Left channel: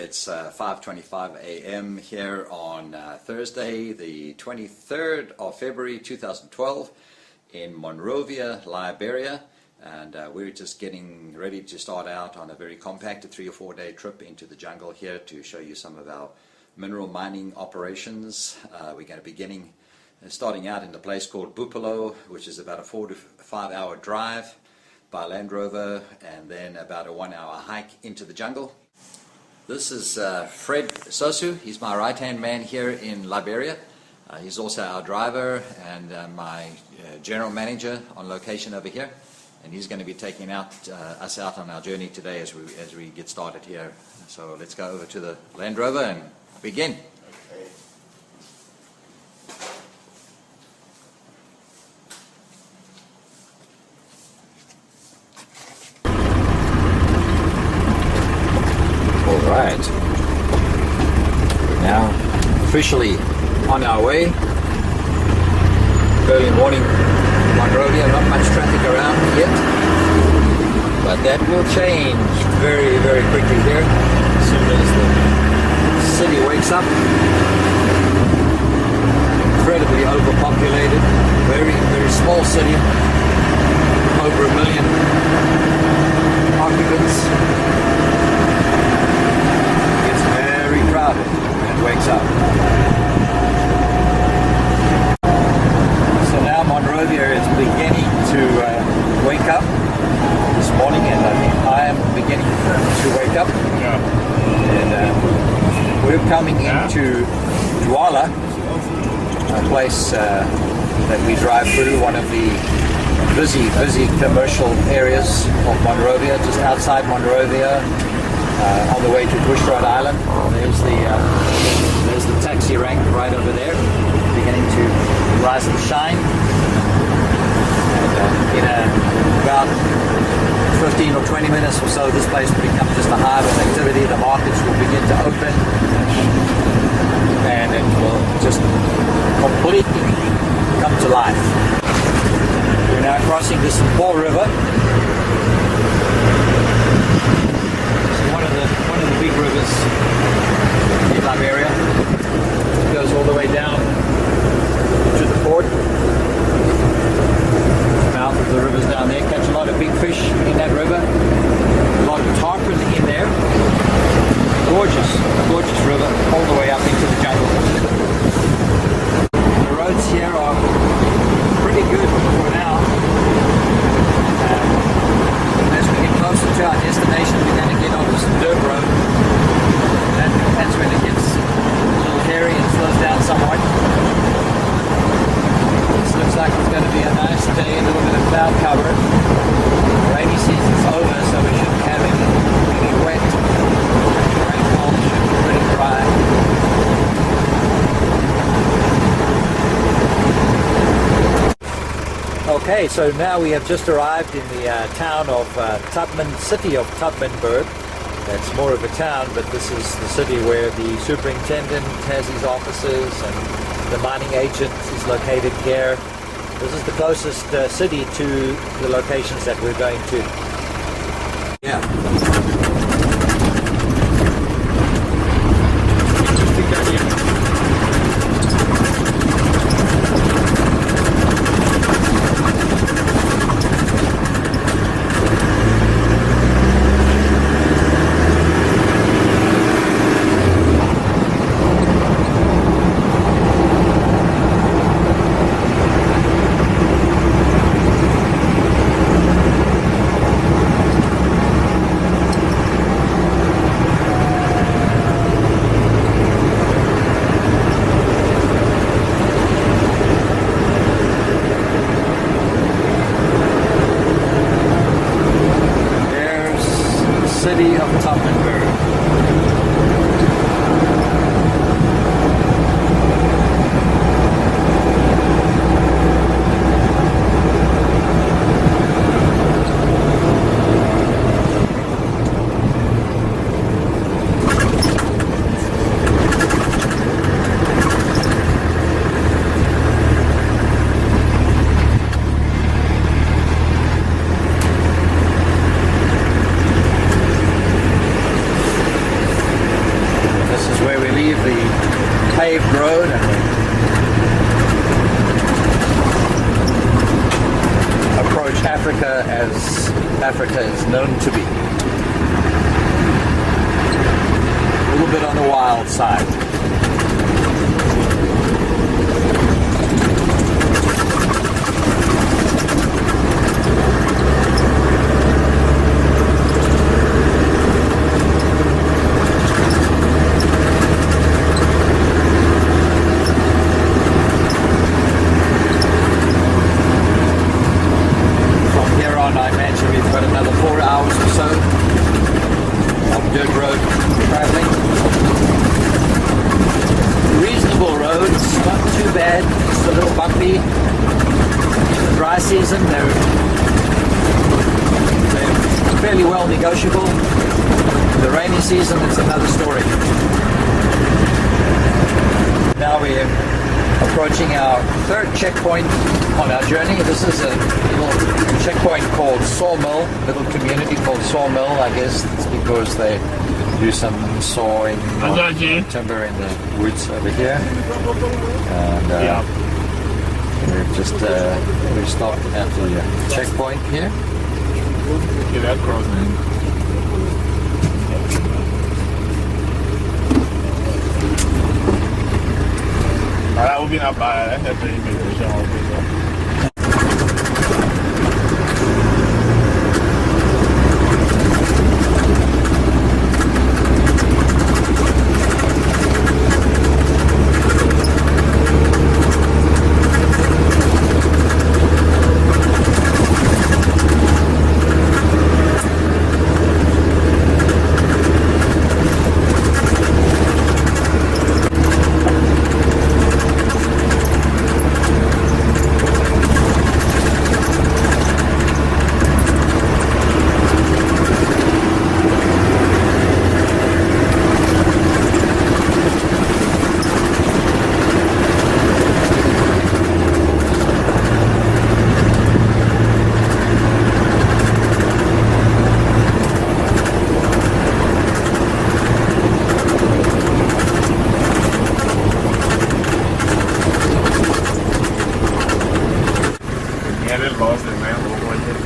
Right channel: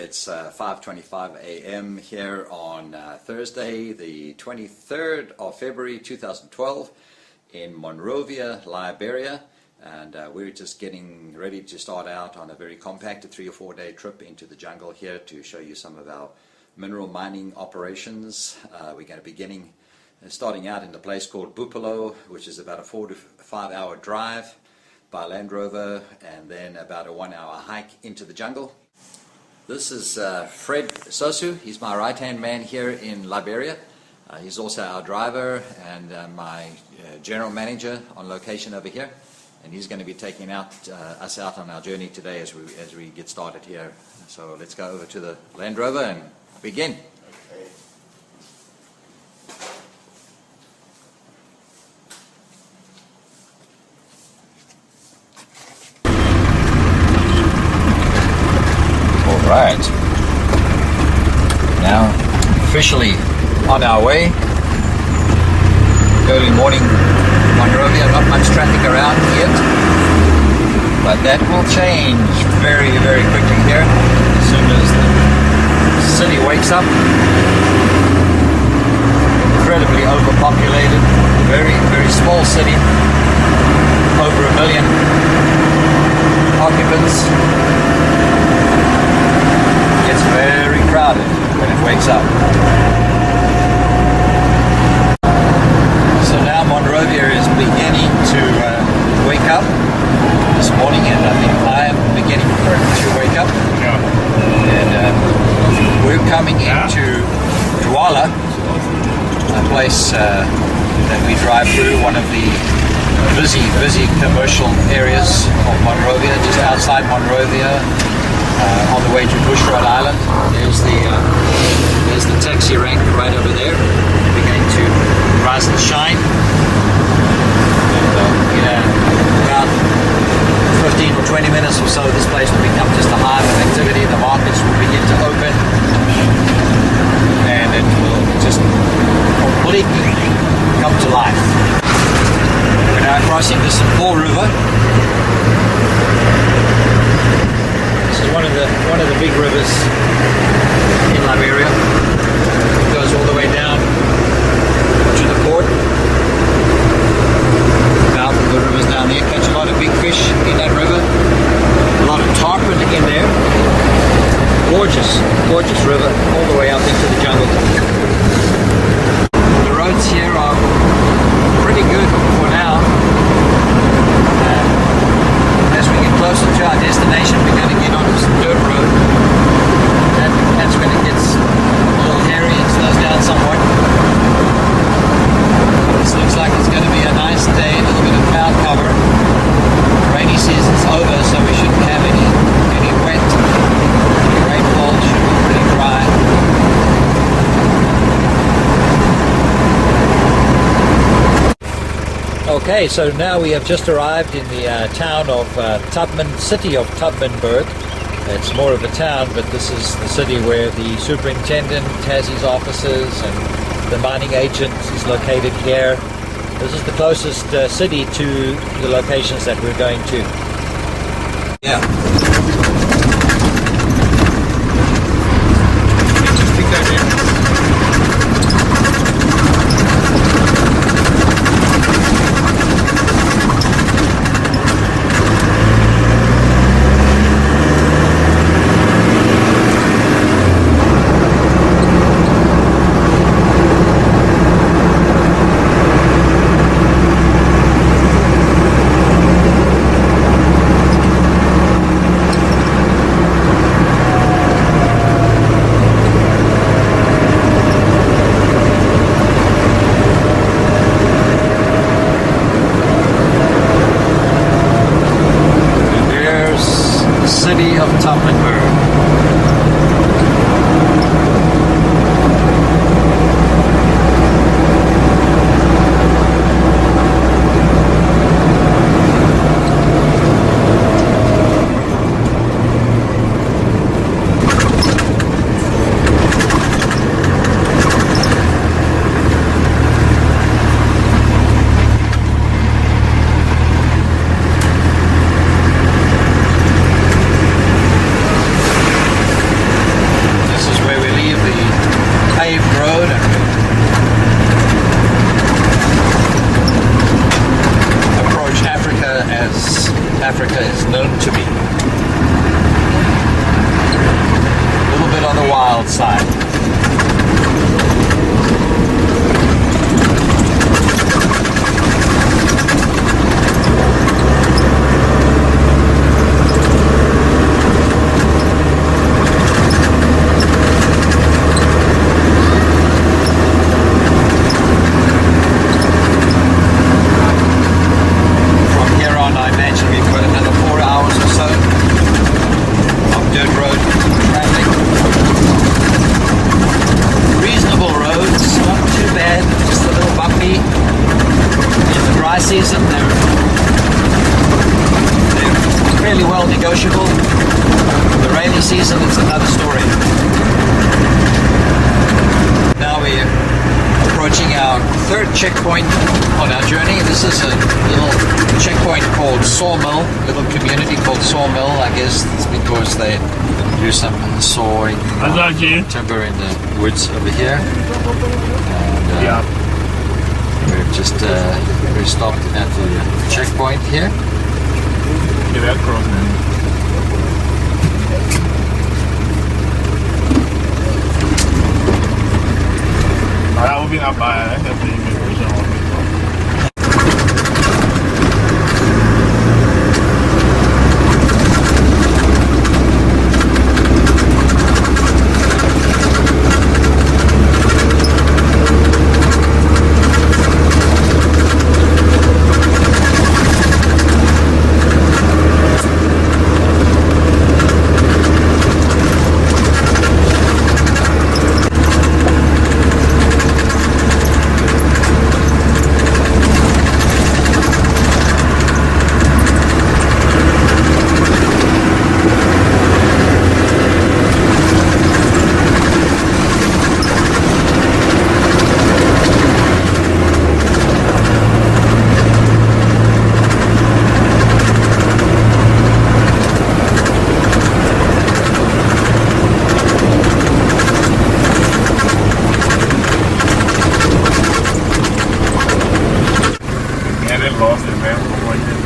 It's 5:25 a.m. here on Thursday, the 23rd of February 2012 in Monrovia, Liberia, and we're just getting ready to start out on a very compacted 3 or 4 day trip into the jungle here to show you some of our mineral mining operations. We're going to be starting out in the place called Bopulo, which is about a 4 to 5 hour drive by Land Rover, and then about a 1 hour hike into the jungle. This is Fred Sosu. He's my right-hand man here in Liberia. He's also our driver and my general manager on location over here. And he's going to be taking us out on our journey today as we get started here. So let's go over to the Land Rover and begin. Right, now officially on our way. Early morning Monrovia, not much traffic around yet, but that will change very, very quickly here as soon as the city wakes up. Incredibly overpopulated, very, very small city, over 1 million occupants. Very crowded when it wakes up. So now Monrovia is beginning to wake up this morning, and I think I am beginning to wake up. And we're coming into Douala, a place that we drive through, one of the busy commercial areas of Monrovia, just outside Monrovia. On the way to Bushrod Island. There's the taxi rank right over there, beginning to rise and shine. And in about 15 or 20 minutes or so, this place will become just a hive of activity. The markets will begin to open, and it will just completely come to life. We're now crossing the St. Paul River. One of the big rivers in Liberia. It goes all the way down to the port. Now the rivers down there catch a lot of big fish in that river. A lot of tarpon in there. Gorgeous river all the way up into the jungle. The roads here are pretty good for now. As we get closer to our destination, we're going to get onto some dirt road. That's when it gets a little hairy and slows down somewhat. This looks like it's going to be a nice day, a little bit of cloud cover. Rainy season's over, so we shouldn't have any wet. The rainfall should be pretty dry. Okay, so now we have just arrived in the town of city of Tubmanburg. It's more of a town, but this is the city where the superintendent has his offices and the mining agent is located here. This is the closest city to the locations that we're going to. Yeah. In the dry season, they're fairly well negotiable. The rainy season, it's another story. Now we're approaching our third checkpoint on our journey. This is a little checkpoint called Sawmill, little community called Sawmill. I guess it's because they do some sawing timber in the woods over here. And we've just we stopped at the checkpoint here. Get that cross, man. Ahora vos bien a pagar, gente de inmigración.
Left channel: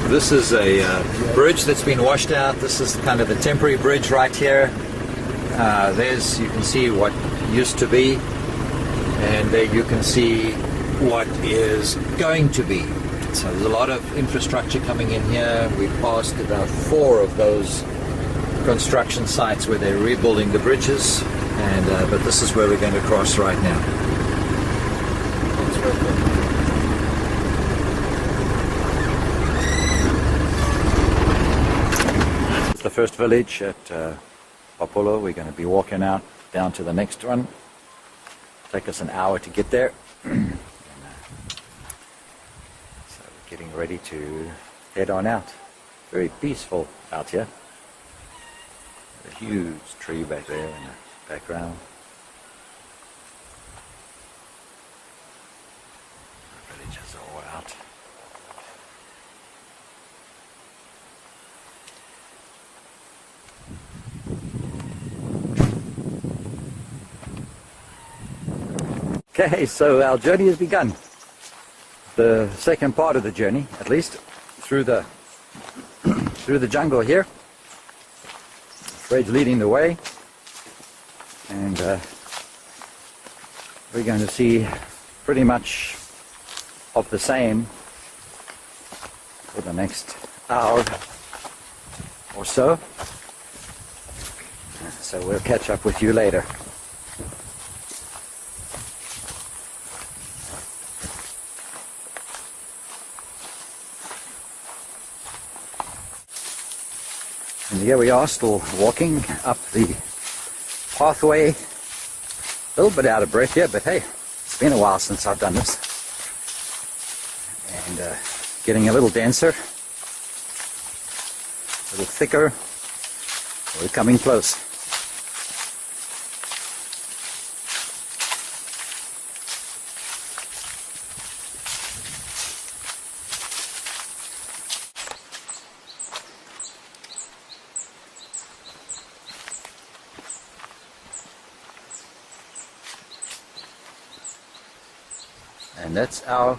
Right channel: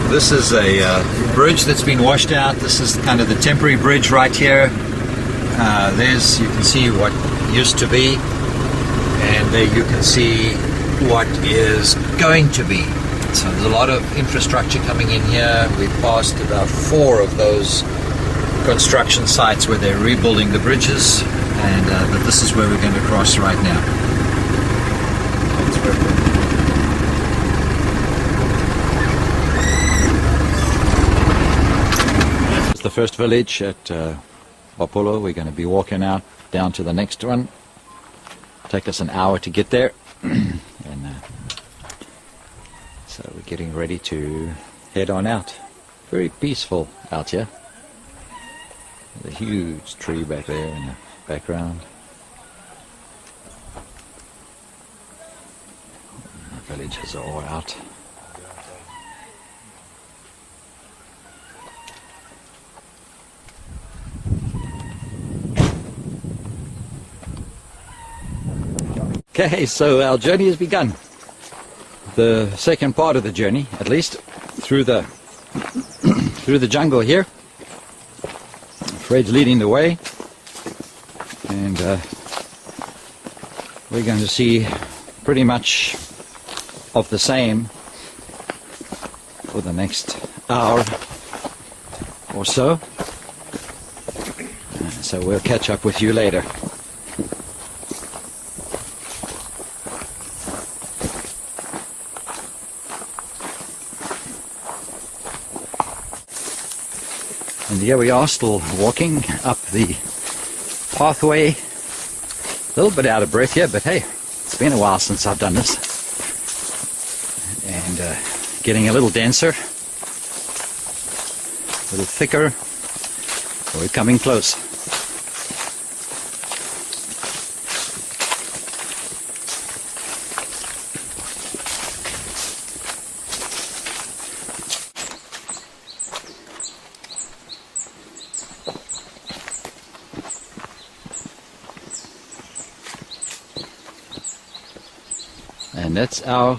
This is a bridge that's been washed out. This is kind of the temporary bridge right here. There's, you can see what used to be, and there you can see what is going to be. So there's a lot of infrastructure coming in here. We've passed about 4 of those construction sites where they're rebuilding the bridges, and but this is where we're going to cross right now. The first village at Bopulo. We're going to be walking out down to the next one. Take us an hour to get there. And, so we're getting ready to head on out. Very peaceful out here. There's a huge tree back there in the background. The villages are all out. Okay, so our journey has begun. The second part of the journey, at least, through the jungle here. Fred's leading the way, and we're going to see pretty much of the same for the next hour or so. So we'll catch up with you later. And here we are, still walking up the pathway. A little bit out of breath here, but hey, it's been a while since I've done this. And getting a little denser, a little thicker. We're coming close. And that's our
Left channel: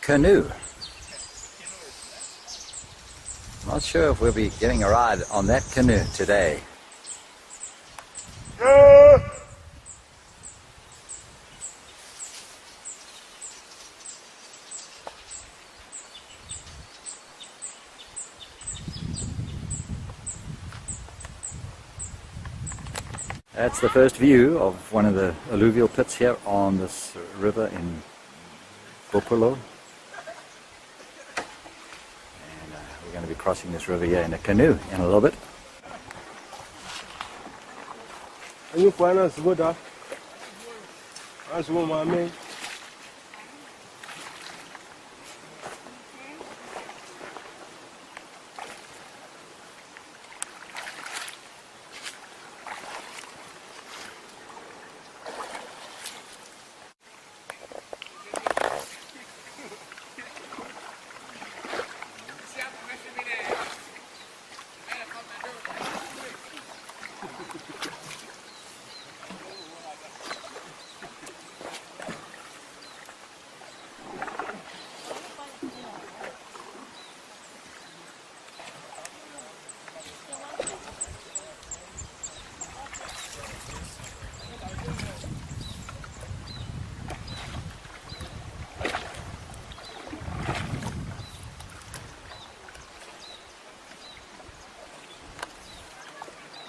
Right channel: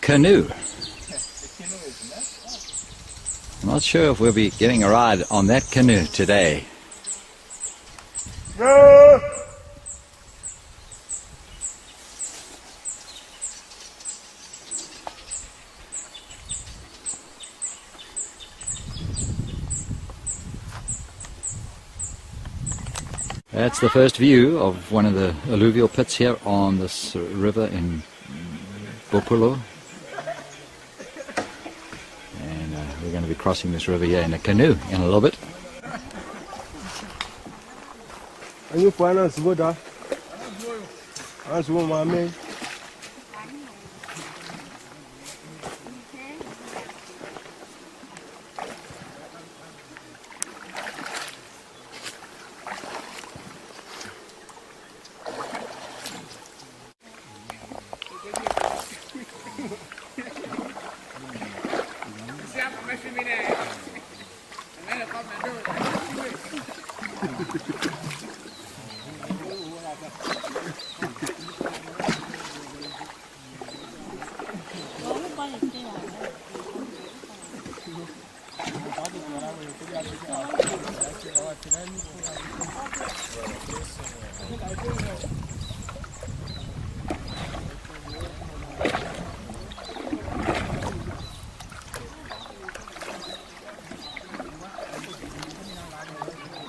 canoe. I'm not sure if we'll be getting a ride on that canoe today. That's the first view of one of the alluvial pits here on this river in Bopulo. And we're going to be crossing this river here in a canoe in a little bit.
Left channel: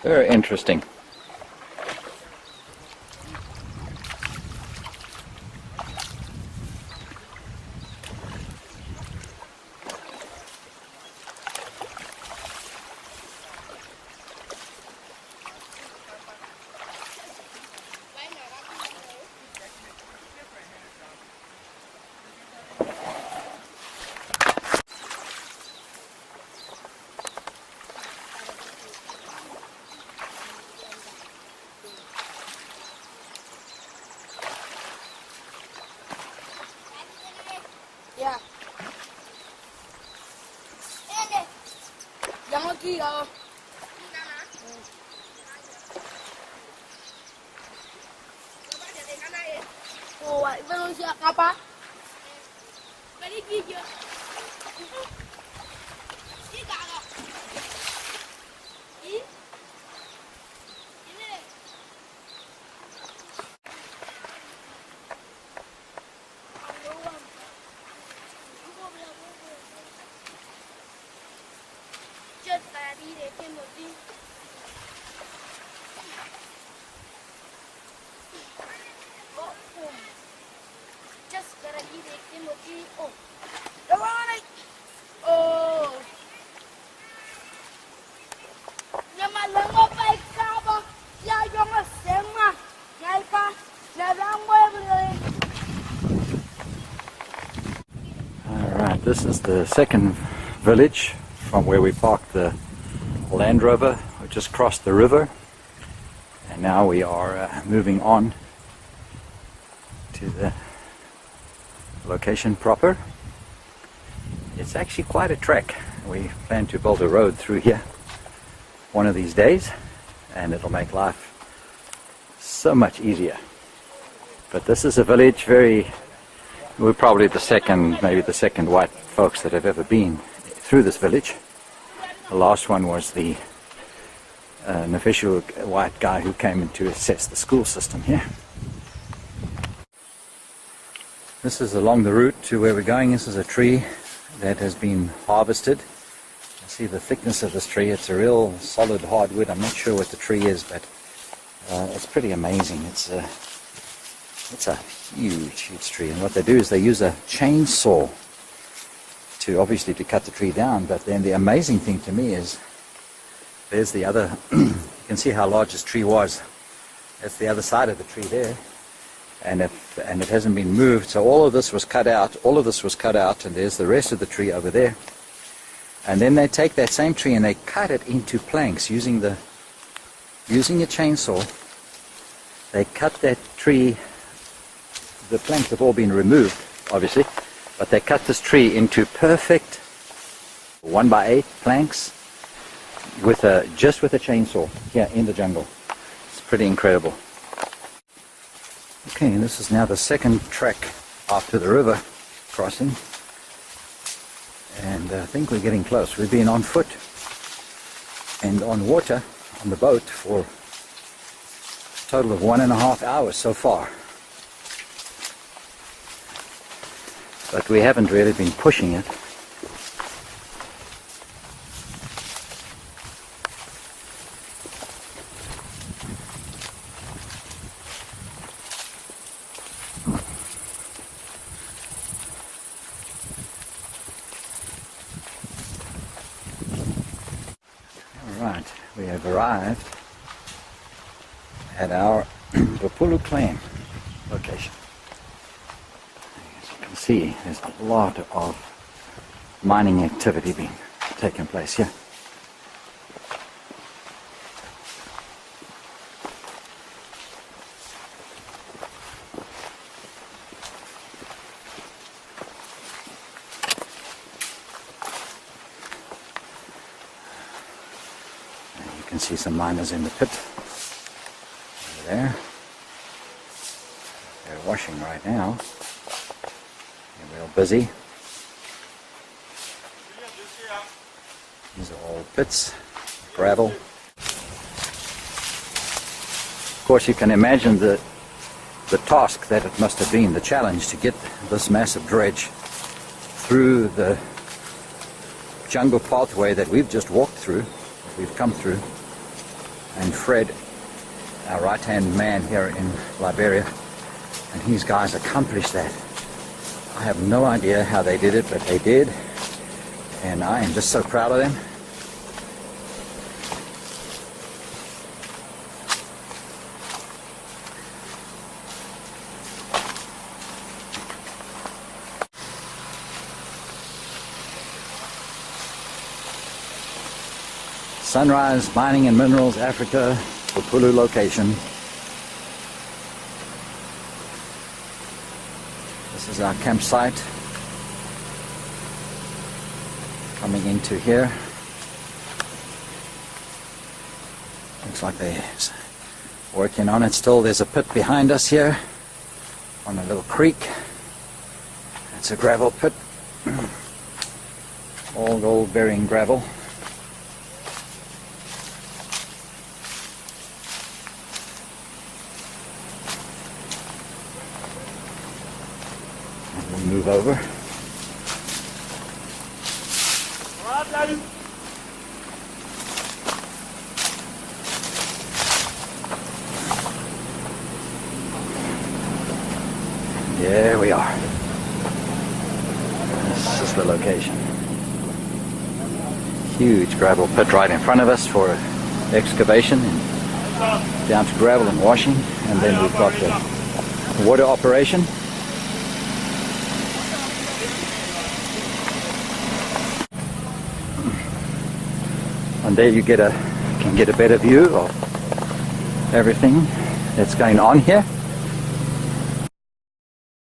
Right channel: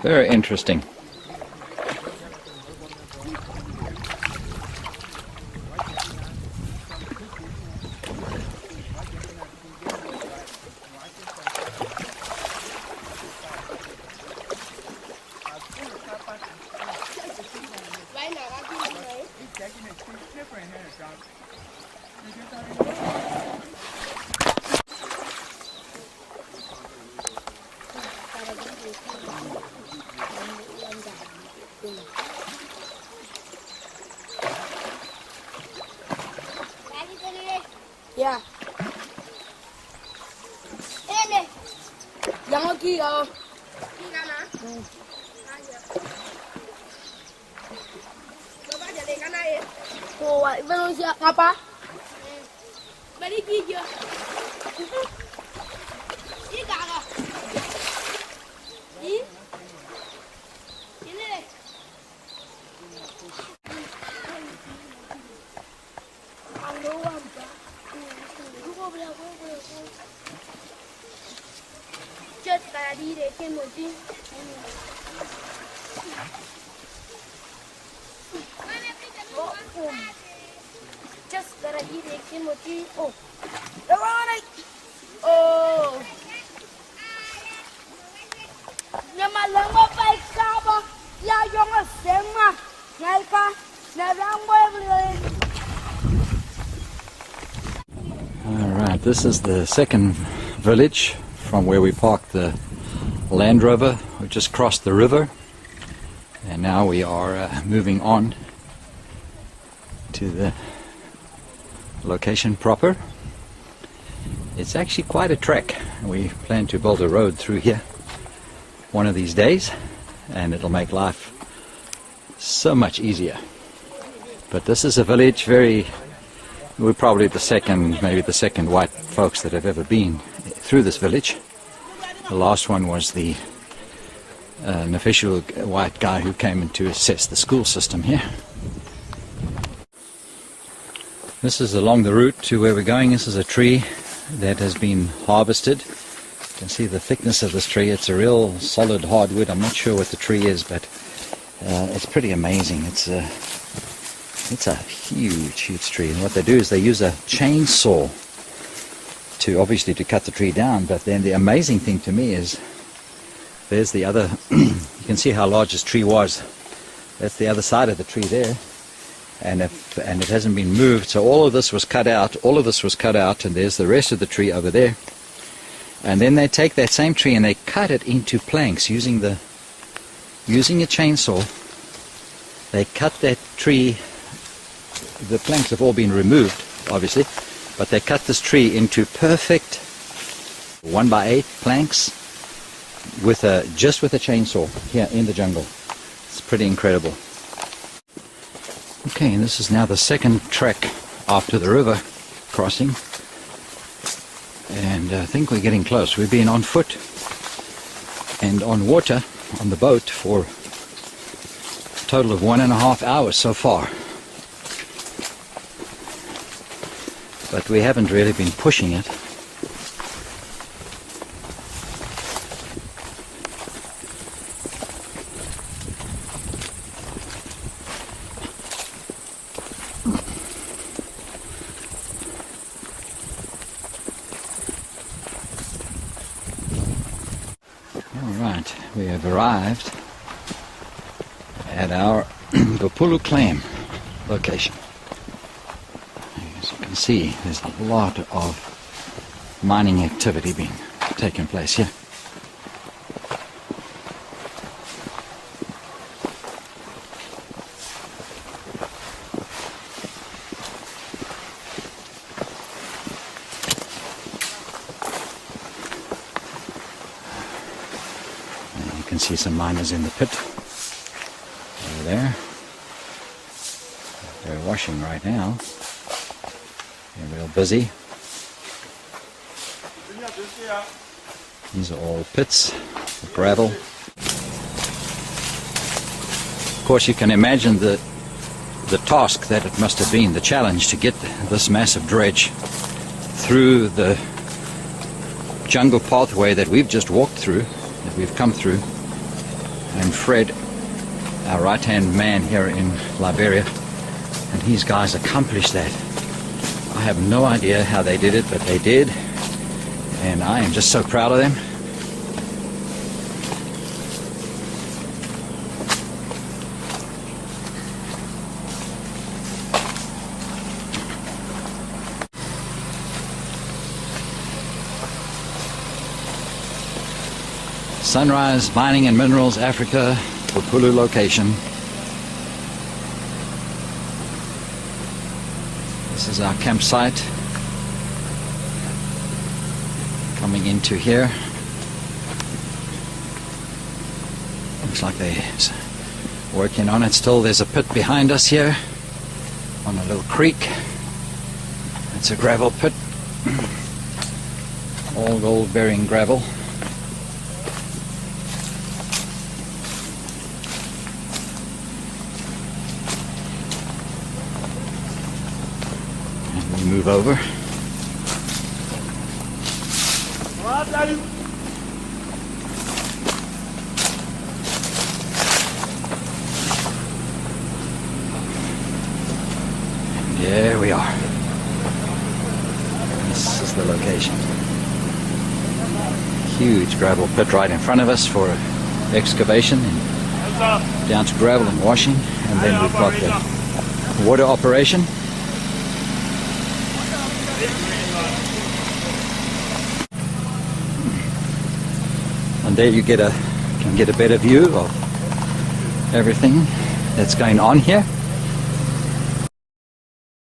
Very interesting. Yeah. Yang lagi kau. Oh, belum siap apa? Balik gigi. Ini kakak. Ini. Ini. Chết ta đi để thêm một tí. Just gotta đi để thêm một tí. Oh, đâu rồi đây? Oh, nhưng mà lần một bài ca bơ, ya dùng ở xem mà, ngay cả là đang quay lên. Alright, this is the second village from where we parked the Land Rover. We just crossed the river and now we are moving on to the location proper. It's actually quite a trek. We plan to build a road through here one of these days and it'll make life so much easier. But this is a village we're probably maybe the second white folks that have ever been through this village. The last one was an official white guy who came in to assess the school system here. This is along the route to where we're going. This is a tree that has been harvested. You can see the thickness of this tree. It's a real solid hardwood. I'm not sure what the tree is, but it's pretty amazing. It's a huge tree, and what they do is they use a chainsaw to cut the tree down. But then the amazing thing to me is there's the other you can see how large this tree was. That's the other side of the tree there, and it hasn't been moved, so all of this was cut out, and there's the rest of the tree over there. And then they take that same tree and they cut it into planks using a chainsaw. They cut that tree. The planks have all been removed, obviously, but they cut this tree into perfect 1x8 planks just with a chainsaw here in the jungle. It's pretty incredible. Okay, and this is now the second trek after the river crossing, and I think we're getting close. We've been on foot and on water on the boat for a total of 1.5 hours so far. But we haven't really been pushing it. Alright, we have arrived at our Bopulo claim location. As you can see, there's a lot of mining activity taking place here. And you can see some miners in the pit over there. They're washing right now. They're real busy. These are all pits of gravel. Of course, you can imagine the task that it must have been, the challenge to get this massive dredge through the jungle pathway that we've just walked through, that we've come through. and Fred, our right-hand man here in Liberia, and these guys accomplished that. I have no idea how they did it, but they did, and I am just so proud of them. Sunrise Mining and Minerals Africa, Bopulo location. This is our campsite. Coming into here. Looks like they're working on it still. There's a pit behind us here on a little creek. It's a gravel pit. All gold bearing gravel. Move over. There we are. This is the location. Huge gravel pit right in front of us for excavation and down to gravel and washing, and then we've got the water operation. And there you can get a better view of everything that's going on here.